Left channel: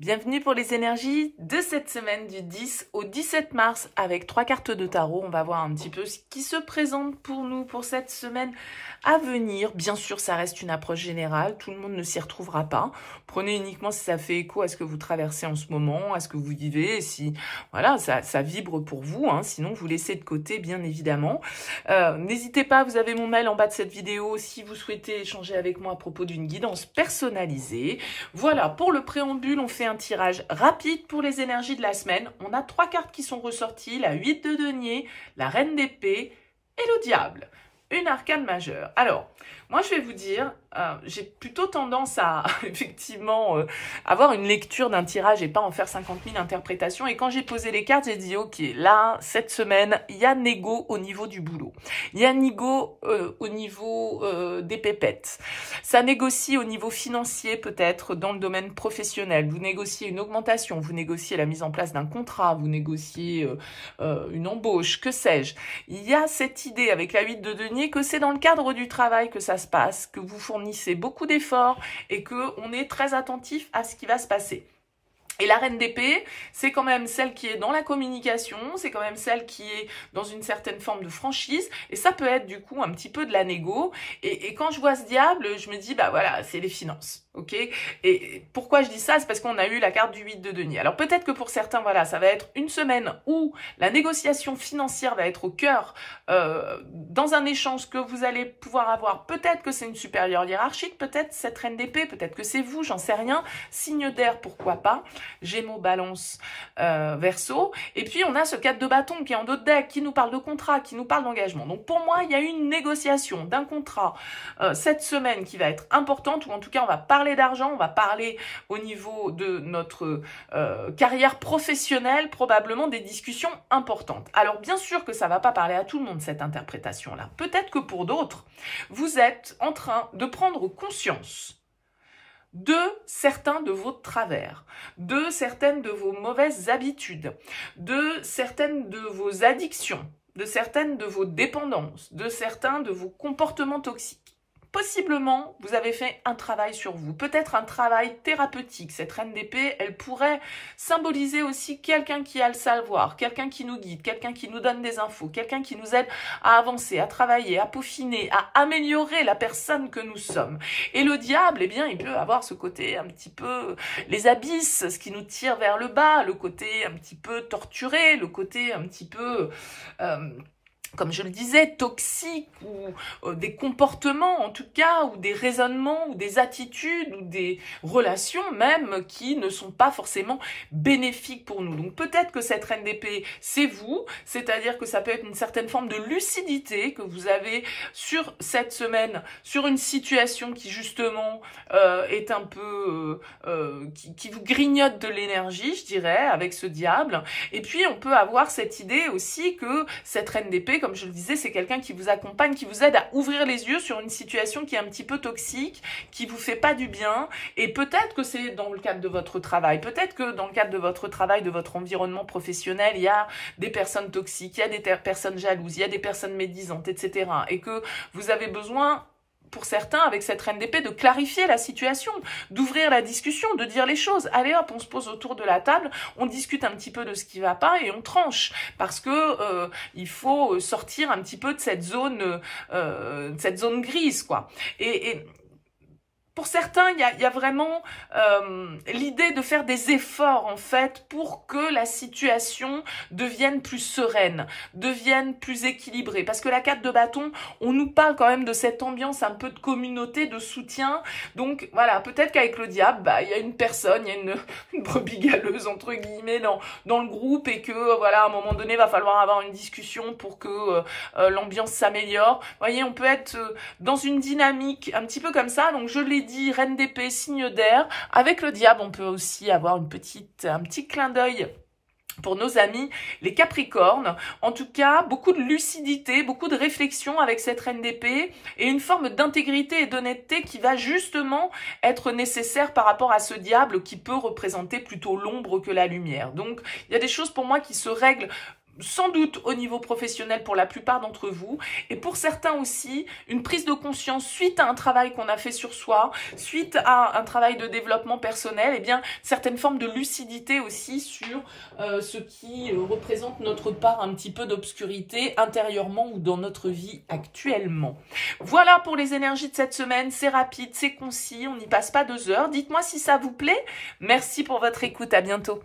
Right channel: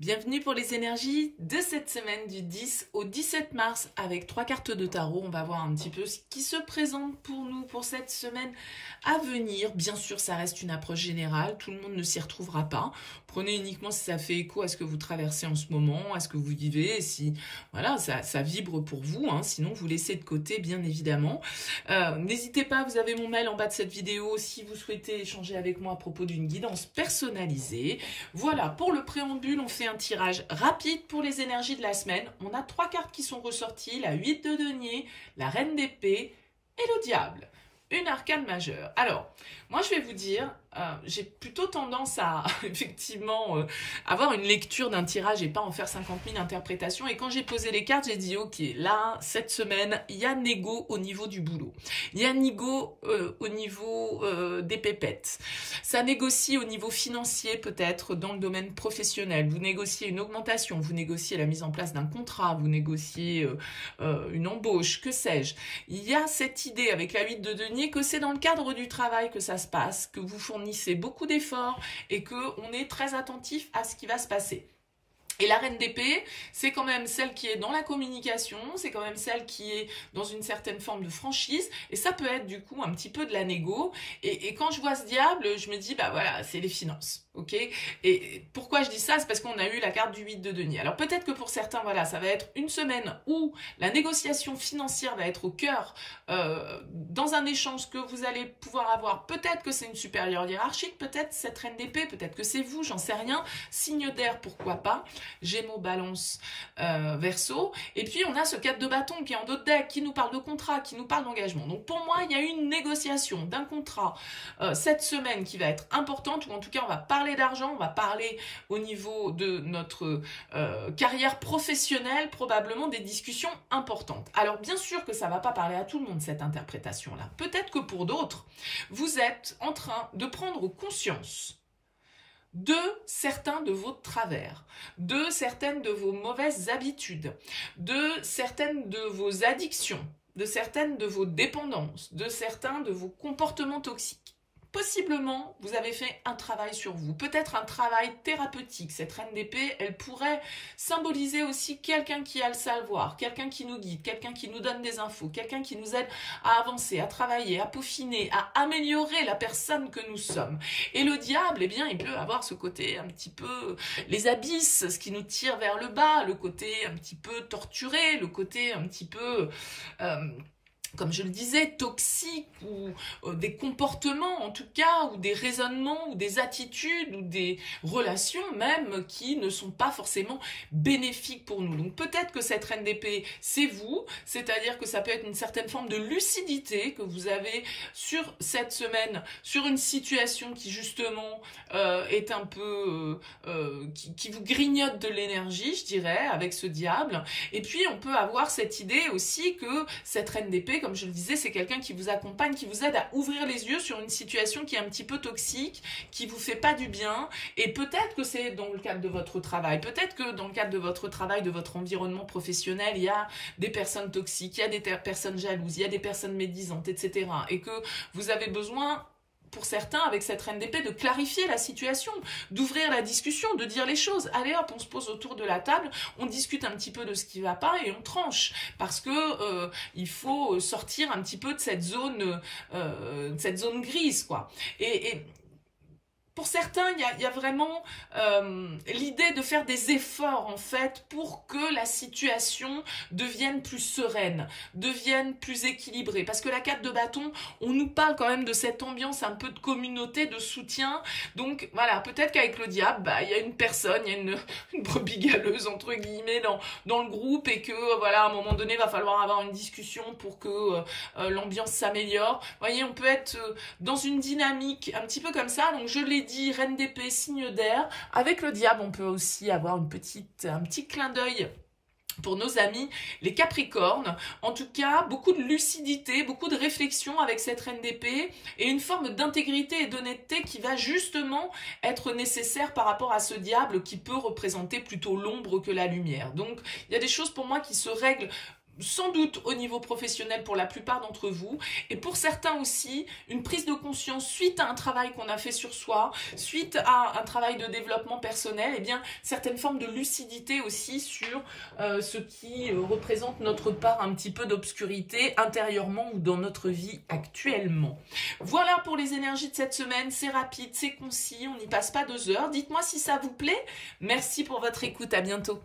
Bienvenue pour les énergies de cette semaine du 10 au 17 mars avec 3 cartes de tarot. On va voir un petit peu ce qui se présente pour nous pour cette semaine à venir. Bien sûr, ça reste une approche générale. Tout le monde ne s'y retrouvera pas. Prenez uniquement si ça fait écho à ce que vous traversez en ce moment, à ce que vous vivez, et si voilà, ça vibre pour vous. Sinon, vous laissez de côté, bien évidemment. N'hésitez pas, vous avez mon mail en bas de cette vidéo si vous souhaitez échanger avec moi à propos d'une guidance personnalisée. Voilà, pour le préambule, on fait un tirage rapide pour les énergies de la semaine. On a 3 cartes qui sont ressorties, la 8 de denier, la reine d'épée et le diable. Une arcane majeure. Alors, moi je vais vous dire, j'ai plutôt tendance à effectivement avoir une lecture d'un tirage et pas en faire 50 000 interprétations. Et quand j'ai posé les cartes, j'ai dit ok, là, cette semaine, il y a négo au niveau du boulot. Il y a négo au niveau des pépettes. Ça négocie au niveau financier peut-être dans le domaine professionnel. Vous négociez une augmentation, vous négociez la mise en place d'un contrat, vous négociez une embauche, que sais-je. Il y a cette idée avec la 8 de denier que c'est dans le cadre du travail que ça se passe, que vous fournissez beaucoup d'efforts et qu'on est très attentif à ce qui va se passer. Et la reine d'épée, c'est quand même celle qui est dans la communication, c'est quand même celle qui est dans une certaine forme de franchise, et ça peut être du coup un petit peu de la négo. Et quand je vois ce diable, je me dis, bah voilà, c'est les finances, ok? Et pourquoi je dis ça? C'est parce qu'on a eu la carte du 8 de denier. Alors peut-être que pour certains, voilà, ça va être une semaine où la négociation financière va être au cœur dans un échange que vous allez pouvoir avoir. Peut-être que c'est une supérieure hiérarchique, peut-être cette reine d'épée, peut-être que c'est vous, j'en sais rien. Signe d'air, pourquoi pas? Gémeaux, Balance, Verseau. Et puis, on a ce 4 de bâton qui est en dos de deck, qui nous parle de contrat, qui nous parle d'engagement. Donc, pour moi, il y a une négociation d'un contrat cette semaine qui va être importante, ou en tout cas, on va parler d'argent, on va parler au niveau de notre carrière professionnelle, probablement des discussions importantes. Alors, bien sûr que ça ne va pas parler à tout le monde, cette interprétation-là. Peut-être que pour d'autres, vous êtes en train de prendre conscience de certains de vos travers, de certaines de vos mauvaises habitudes, de certaines de vos addictions, de certaines de vos dépendances, de certains de vos comportements toxiques. Possiblement, vous avez fait un travail sur vous, peut-être un travail thérapeutique. Cette reine d'épée, elle pourrait symboliser aussi quelqu'un qui a le savoir, quelqu'un qui nous guide, quelqu'un qui nous donne des infos, quelqu'un qui nous aide à avancer, à travailler, à peaufiner, à améliorer la personne que nous sommes. Et le diable, eh bien, il peut avoir ce côté un petit peu les abysses, ce qui nous tire vers le bas, le côté un petit peu torturé, le côté un petit peu comme je le disais, toxiques ou des comportements en tout cas, ou des raisonnements, ou des attitudes, ou des relations même qui ne sont pas forcément bénéfiques pour nous. Donc peut-être que cette reine d'épée, c'est vous, c'est-à-dire que ça peut être une certaine forme de lucidité que vous avez sur cette semaine, sur une situation qui justement est un peu, qui vous grignote de l'énergie, je dirais, avec ce diable. Et puis on peut avoir cette idée aussi que cette reine d'épée, comme je le disais, c'est quelqu'un qui vous accompagne, qui vous aide à ouvrir les yeux sur une situation qui est un petit peu toxique, qui vous fait pas du bien. Et peut-être que c'est dans le cadre de votre travail, peut-être que dans le cadre de votre travail, de votre environnement professionnel, il y a des personnes toxiques, il y a des personnes jalouses, il y a des personnes médisantes, etc. Et que vous avez besoin, pour certains, avec cette reine d'épée, de clarifier la situation, d'ouvrir la discussion, de dire les choses. Allez hop, on se pose autour de la table, on discute un petit peu de ce qui va pas et on tranche. Parce que il faut sortir un petit peu de cette zone grise, quoi. Et pour certains, il y a vraiment l'idée de faire des efforts, en fait, pour que la situation devienne plus sereine, devienne plus équilibrée. Parce que la 4 de bâton, on nous parle quand même de cette ambiance un peu de communauté, de soutien. Donc, voilà, peut-être qu'avec le diable, bah, il y a une personne, il y a une brebis galeuse, entre guillemets, dans le groupe et que, voilà, à un moment donné, il va falloir avoir une discussion pour que l'ambiance s'améliore. Vous voyez, on peut être dans une dynamique un petit peu comme ça. Donc, je l'ai dit, reine d'épée, signe d'air. Avec le diable, on peut aussi avoir un petit clin d'œil pour nos amis, les Capricornes. En tout cas, beaucoup de lucidité, beaucoup de réflexion avec cette reine d'épée et une forme d'intégrité et d'honnêteté qui va justement être nécessaire par rapport à ce diable qui peut représenter plutôt l'ombre que la lumière. Donc, il y a des choses pour moi qui se règlent sans doute au niveau professionnel pour la plupart d'entre vous, et pour certains aussi, une prise de conscience suite à un travail qu'on a fait sur soi, suite à un travail de développement personnel, et bien certaines formes de lucidité aussi sur ce qui représente notre part un petit peu d'obscurité intérieurement ou dans notre vie actuellement. Voilà pour les énergies de cette semaine, c'est rapide, c'est concis, on n'y passe pas 2 heures. Dites-moi si ça vous plaît. Merci pour votre écoute, à bientôt.